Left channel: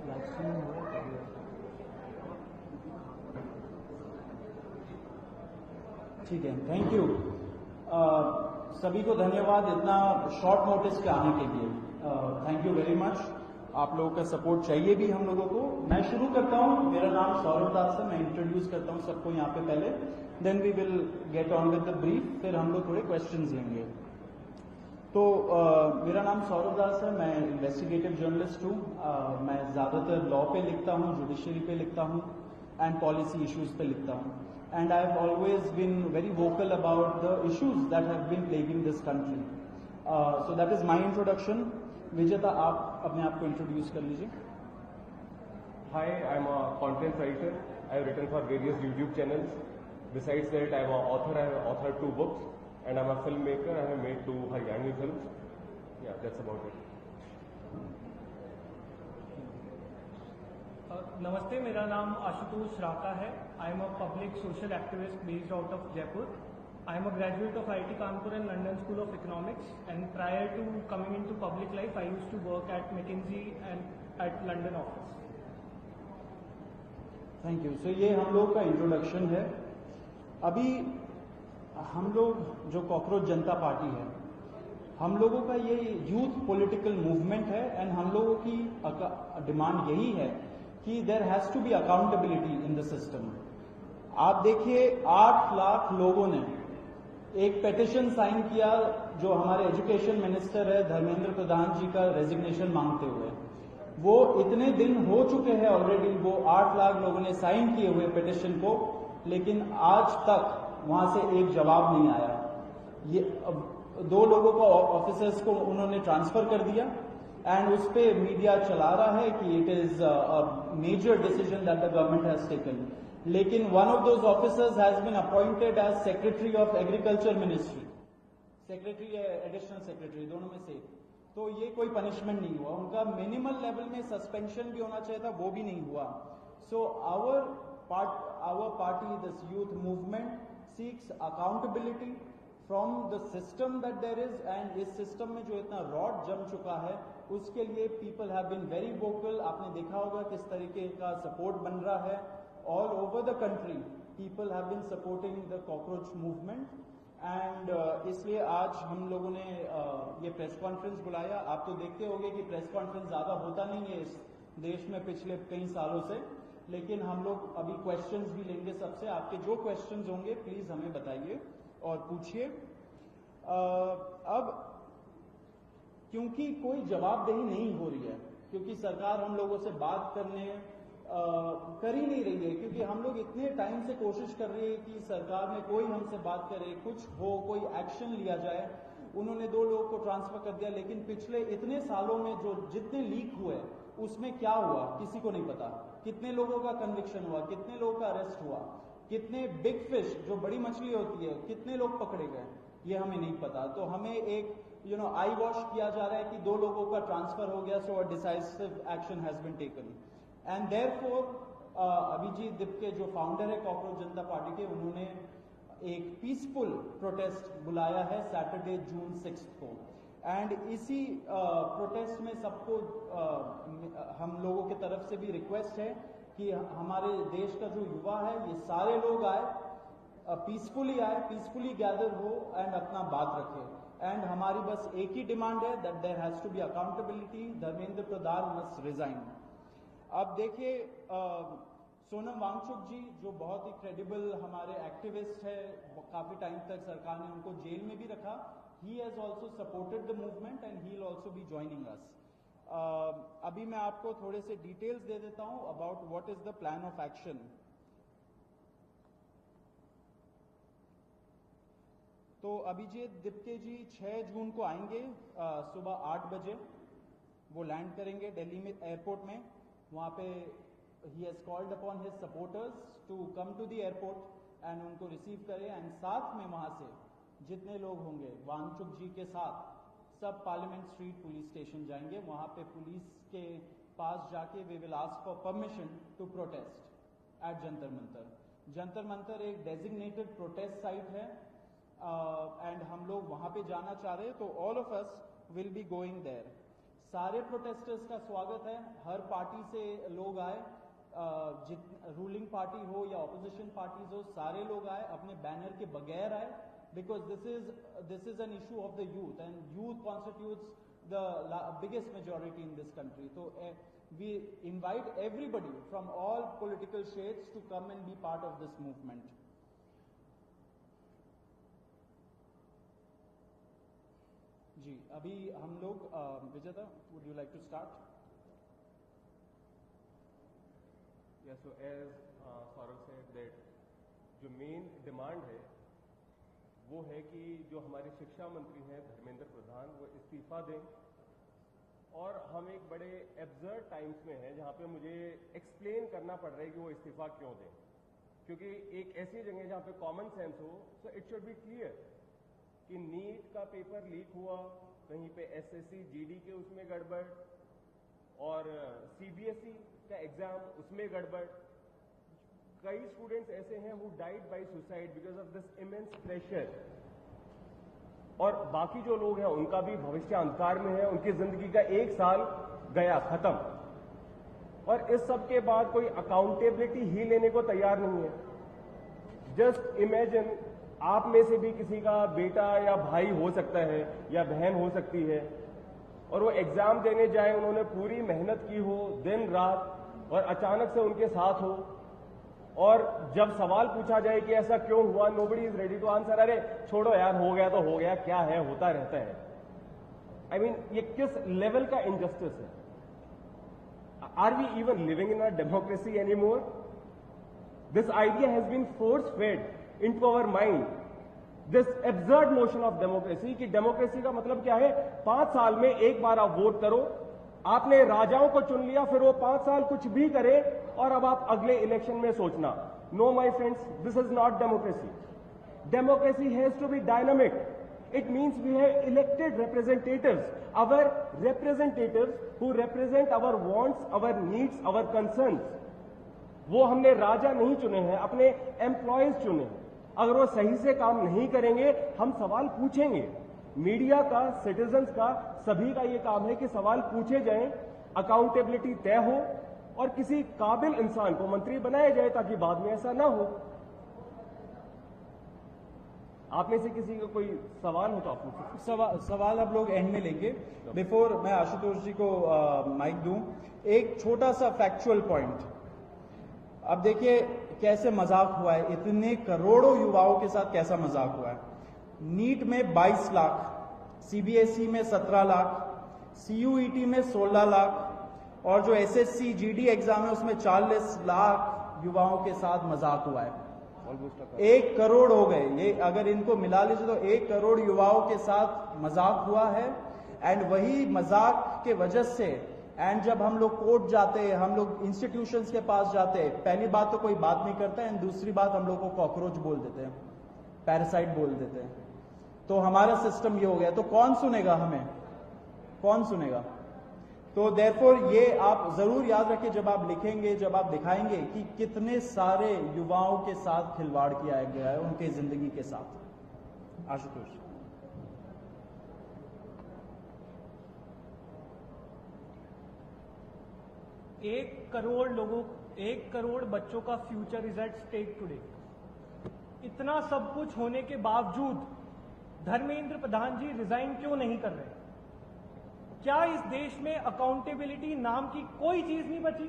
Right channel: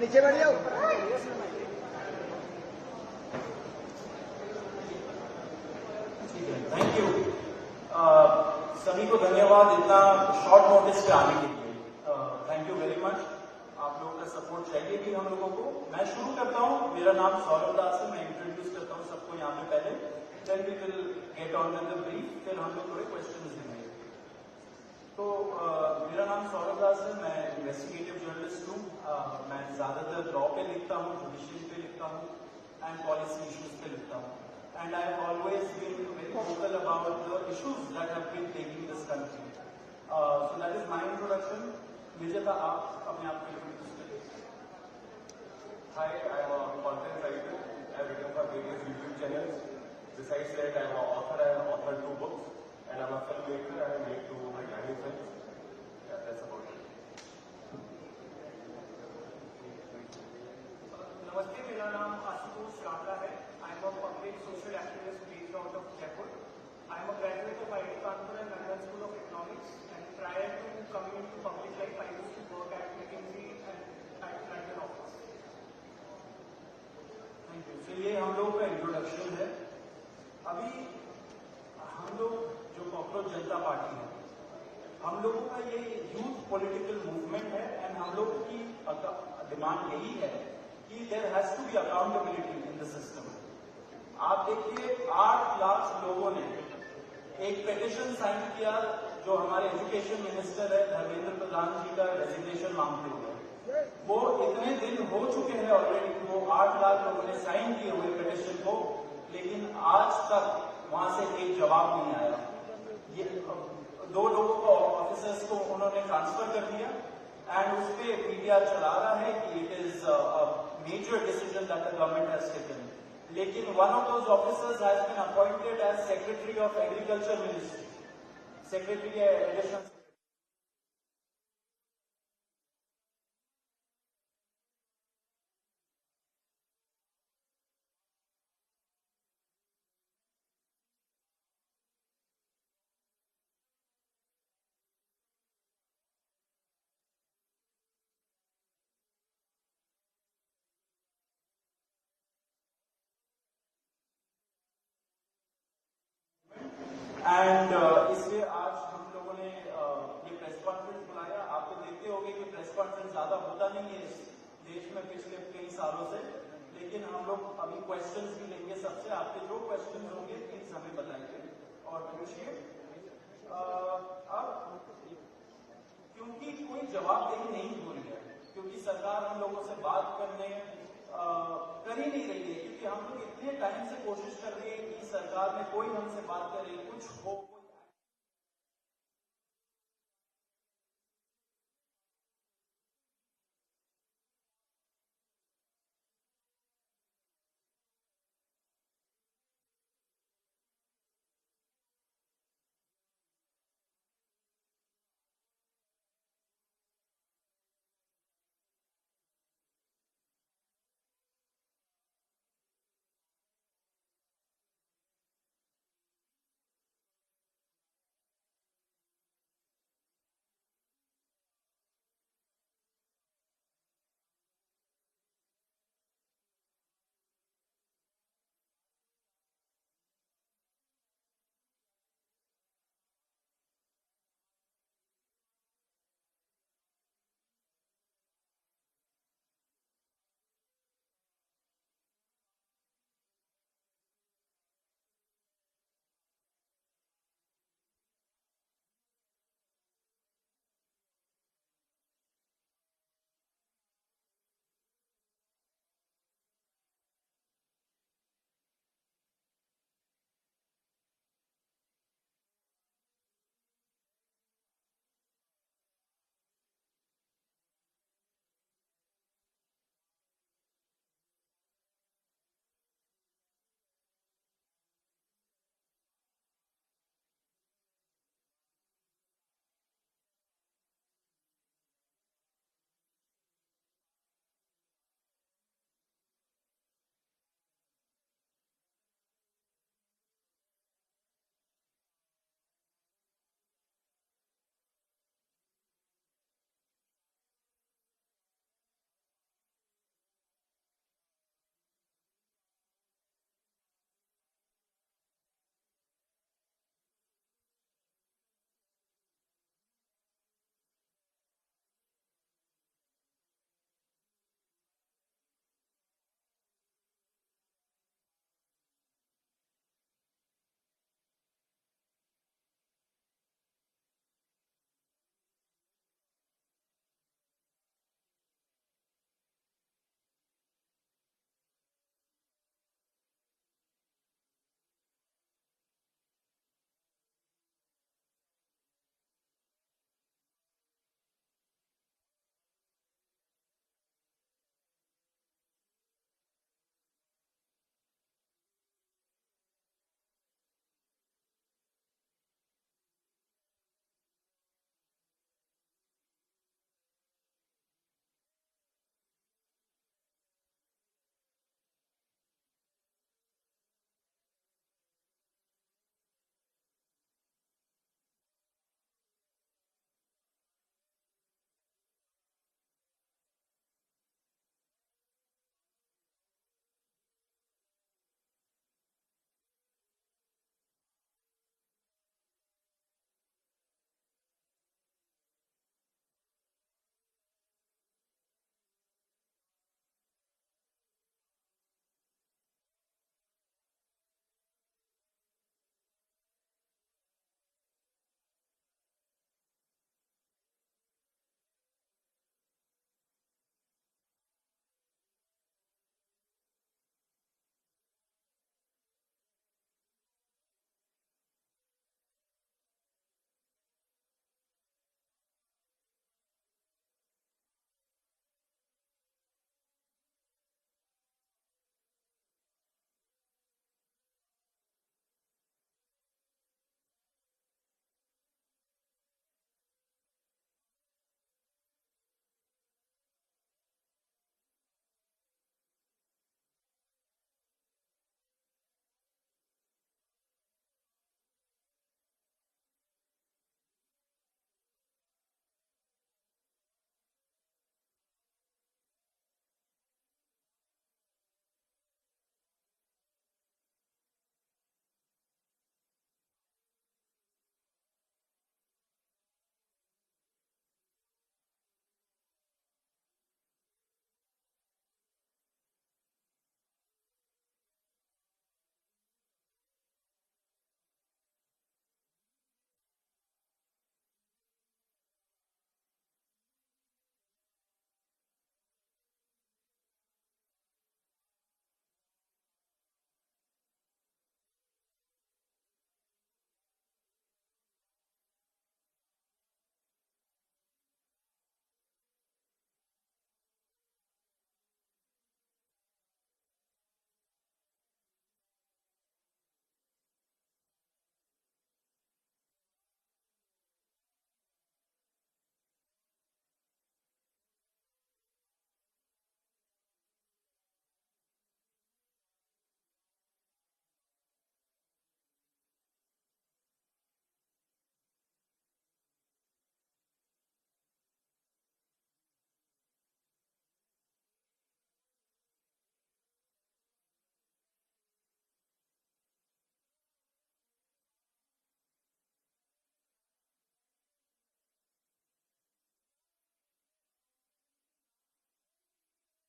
नीचे बैठ जाओ। ठीक है, थैंक यू। सभी को धन्यवाद इतना शॉर्ट नोटिस पे आने के लिए। Thank you very much. आप लोगों का सपोर्ट चाहिए भी हम लोगों को। मैं शुरू करता हूँ। मेरा नाम सौरभ दास है। मैं इंट्रोड्यूस करता हूँ सबको यहाँ पे पहले, then we will get on with the brief, फिर हम लोग थोड़े क्वेश्चंस लेंगे। तो मेरा नाम सौरभ दास है। मैं इन्वेस्टिगेटिव जर्नलिस्ट हूँ। मैं ज्यादातर लॉ पे लिखता हूँ, जुडिशरी पे लिखता हूँ एंड पॉलिसी इश्यूज पे लिखता हूँ। And I have always been very vocal about the issues that have been plaguing this country. So that is my introduction. Vijeta, आप अपने आप को इंट्रोड्यूस कर लीजिए। Hi, I'm a content writer. I have written for various YouTube channels. Besides that, I am an author. I have authored 2 books, and I'm a filmmaker. I have made 2 Haryani films. Yeah, that's about it. नमस्ते, मेरा नाम आशुतोष राता है। I am a public social activist based out of Jaipur. I am a graduate of IIT Kanpur and London School of Economics, and prior to coming into public life I used to work at McKinsey and at London office. Thank you. So ये हम लोगों का introduction है। अभी हम लोग जो cockroach जनता party है, हम लोगों का ये यूथ पॉलिटिकल मूवमेंट है एंड हम लोगों की डिमांड यही है कि there has to be accountability in the system. आप देखिए 8 लाख लोगों ने एक पेटिशन साइन किया जो हमारे एजुकेशन मिनिस्टर है धर्मेंद्र प्रधान जी का रेजिग्नेशन मांगते हुए। वो इतने दिन हो चुके हैं ऑलरेडी, वो 8 लाख लोगों ने साइन किए हुए पेटिशन को, लेकिन आज तक वहां से एक जवाब नहीं आया। ये 2 लोगों को ऑफिसर्स को उन्होंने ट्रांसफर कर दिया एंड उस पे मीडिया चला रहा है कि it is a major decision that the government has taken. लेकिन one of those officers has been appointed as secretary of agriculture ministry, secretary या एडिशनल सेक्रेटरी, दोनों में से। तो ये कोई पनिशमेंट नहीं हुआ। उनका मिनिमल लेवल में सस्पेंशन भी होना चाहिए था, वो भी नहीं हुआ। So our party, this youth movement seeks accountability from the system that there is, and इस सिस्टम में जो इतना रॉड जम चुका है उसके लिए people have been very vocal. आपने देखा होगा किस तरीके का सपोर्ट बन रहा है all over the country. People have been supporting the cockroach movement and इसलिए आज हम लोगों ने ये प्रेस कॉन्फ्रेंस बुलाया। आप तो देखते होंगे कि प्रेस कॉन्फ्रेंस ज्यादा होता नहीं है इस देश में पिछले कई सालों से, लेकिन हम लोग अभी क्वेश्चंस भी लेंगे सबसे। आपके जो क्वेश्चंस होंगे प्लीज हमें बताइए और पूछिए। अब क्योंकि कोई जवाबदेही नहीं हो रही है, क्योंकि सरकार हम लोगों से बात करने कर ही नहीं रही है, क्योंकि हम लोग इतने टाइम से कोशिश कर रहे हैं कि सरकार में कोई हमसे बात करे, कुछ हो, कोई एक्शन लिया जाए। उन्होंने 2 लोगों को ट्रांसफर कर दिया, लेकिन पिछले इतने सालों में जो जितने लीक हुए उसमें क्या हुआ किसी को नहीं पता। कितने लोगों का कन्विक्शन हुआ, कितने लोगों का अरेस्ट हुआ, कितने बिग फिश जो बड़ी मछली होती है कितने लोग पकड़े गए, ये हमें नहीं पता। तो हमें एक आई वॉश किया जा रहा है कि 2 लोगों का ट्रांसफर हो गया, so a decisive action has been taken. And therefore Abhijit Dipke जो फाउंडर है कॉकरोच जनता पार्टी के, उन्होंने एक पीसफुल प्रोटेस्ट बुलाया है सैटरडे जून 6 को। एंड इसी प्रोटेस्ट में सबको हम लोगों की तरफ से भी रिक्वेस्ट है कि हमारे देश का जो युवा है ये सारे लोग आए, पीसफुली आए, पीसफुली गैदर हो एंड अपना बात रखे। एंड हमारी बस एक ही डिमांड है that there has to be accountability, Dharmendra Pradhan must resign. अब देखिए सोनम वांगचुक जी जो बहुत ही क्रेडिबल हमारे एक्टिविस्ट है, काफी टाइम तक सरकार ने उनको जेल में भी रखा। He has also supported the movement and he will also be joining us. अभी मैं आपको थोड़े से डिटेल्स दे देता हूं about what is the plan of action. तो अभिजीत दिपके जी 6 जून को आएंगे सुबह 8 बजे। वो लैंड करेंगे दिल्ली में एयरपोर्ट में। वहाँ पे he has called upon his supporters to come to the airport and उनको रिसीव करें। एंड साथ में वहाँ से जितने लोग होंगे वांगचुक जी के साथ सब पार्लियामेंट स्ट्रीट पुलिस स्टेशन जाएंगे। वहाँ पे पुलिस के पास जाके we will ask for permission to protest at Jantar Mantar. Jantar Mantar एक डेजिग्नेटेड प्रोटेस्ट साइट है एंड हम लोग वहाँ पे जाना चाह रहे हैं, तो all of us will be going there. सारे प्रोटेस्टर्स का स्वागत है, हर पार्टी से लोग आए, रूलिंग पार्टी हो या ऑपोजिशन पार्टीज हो, सारे लोग आए, अपने बैनर के बगैर आए, because this is an issue of the youth and youth constitutes the biggest majority in this country. So we invite everybody from all political shades to come and be part of this movement. जी, अभी हम लोग विजेता, would you like to start? Yeah, so as Saurav said that जो main demand है वो है कि जो हमारे शिक्षा मंत्री हैं धर्मेंद्र प्रधान वो इस्तीफा दें, और हम एक बड़े एब्सर्ड टाइम्स में हैं जहां पे मुझे एक्सप्लेन करना पड़ रहा है कि वो इस्तीफा क्यों दें, क्योंकि एक ऐसी जगह जहां पे कॉमन सेंस हो, so it should be clear कि नीट का पेपर लीक हुआ, कहीं पे एसएससी जीडी के उसमें गड़बड़, और सीबीएसई का एग्जाम उसमें गड़बड़। कई स्टूडेंट्स ऐसे हैं who died by suicide because of this immense pressure, और बाकी जो लोग हैं उनका भी भविष्य अंधकार में है, उनकी जिंदगी का 1 साल गया खत्म, और इस सब के बाद कोई अकाउंटेबिलिटी ही लेने को तैयार नहीं है। जस्ट इमेजिन, आप में से भी किसी का बेटा या भाई हो सकता है या बहन हो सकती है, और वो एग्जाम देने जाए, उन्होंने पूरी मेहनत की हो दिन रात, और अचानक से उनके साथ हो, और जब सवाल पूछा जाए कि ऐसा क्यों हुआ, nobody is ready to answer, अरे छोड़ो यार, हो गया तो हो गया, क्या है, होता रहता है। आई मीन, ये किस लेवल का इनजस्टिस है? Are we even living in a democracy any more? This idea has been force fed into our mind, this absurd notion of democracy, कि डेमोक्रेसी का मतलब क्या है, 5 साल में एक बार आप वोट करो, आपने राजाओं को चुन लिया, फिर वो 5 साल कुछ भी करे, और अब आप अगले इलेक्शन में सोचना। No my friends, this is not democracy. Democracy has to be dynamic. It means we have elected representatives, our representatives who represent our wants, our needs, our concerns. वो हमने राजा नहीं चुने हैं, अपने एम्प्लॉयज चुने हैं। अगर वो सही से काम नहीं करेंगे, हम सवाल पूछेंगे। मीडिया का, सिटीजन्स का, सभी का ये काम है कि सवाल पूछे जाएं, अकाउंटेबिलिटी तय हो, और किसी काबिल इंसान को मंत्री बनाया जाए ताकि बाद में ऐसा ना हो। आप में से किसी का कोई सवाल हो तो आप पूछिए। सवाल अब लोग एंड में लेंगे। बिफोर मैं आशुतोष जी को माइक दूं, एक छोटा सा फैक्चुअल पॉइंट। अब देखिए कैसे मजाक हुआ है, इतने करोड़ों युवाओं के साथ कैसा मजाक हुआ है। नीट में 22 लाख, सीबीएसई में 17 लाख, सीयूईटी में 16 लाख, और जो एसएससी जीडी एग्जाम है उसमें 40 लाख युवाओं के साथ मजाक हुआ है। 1 करोड़ हो गए ये, अगर इनको मिला लीजिए तो 1 करोड़ युवाओं के साथ मजाक हुआ है। एंड वही मजाक के वजह से, एंड जब हम लोग कोर्ट जाते हैं, हम लोग इंस्टीट्यूशंस के पास जाते हैं, पहली बात तो कोई बात नहीं करता है, एंड दूसरी बात हम लोग को कॉकरोच बोल देते हैं, पैरासाइट बोल देते हैं। तो हमारा सिस्टम ये हो गया, तो कौन सुनेगा हमें, कौन सुनेगा? तो देयरफॉर ये आप जरूर याद रखिए जब आप लिखेंगे, जब आप दिखाएंगे कि कितने सारे युवाओं के साथ खिलवाड़ किया गया है, उनके जिंदगी के साथ। आशुतोष। एक करोड़ बच्चों का future is at stake today. इतना सब कुछ होने के बावजूद धर्मेंद्र प्रधान जी रिजाइन क्यों नहीं कर रहे? क्या इस देश में अकाउंटेबिलिटी नाम की कोई चीज नहीं बची?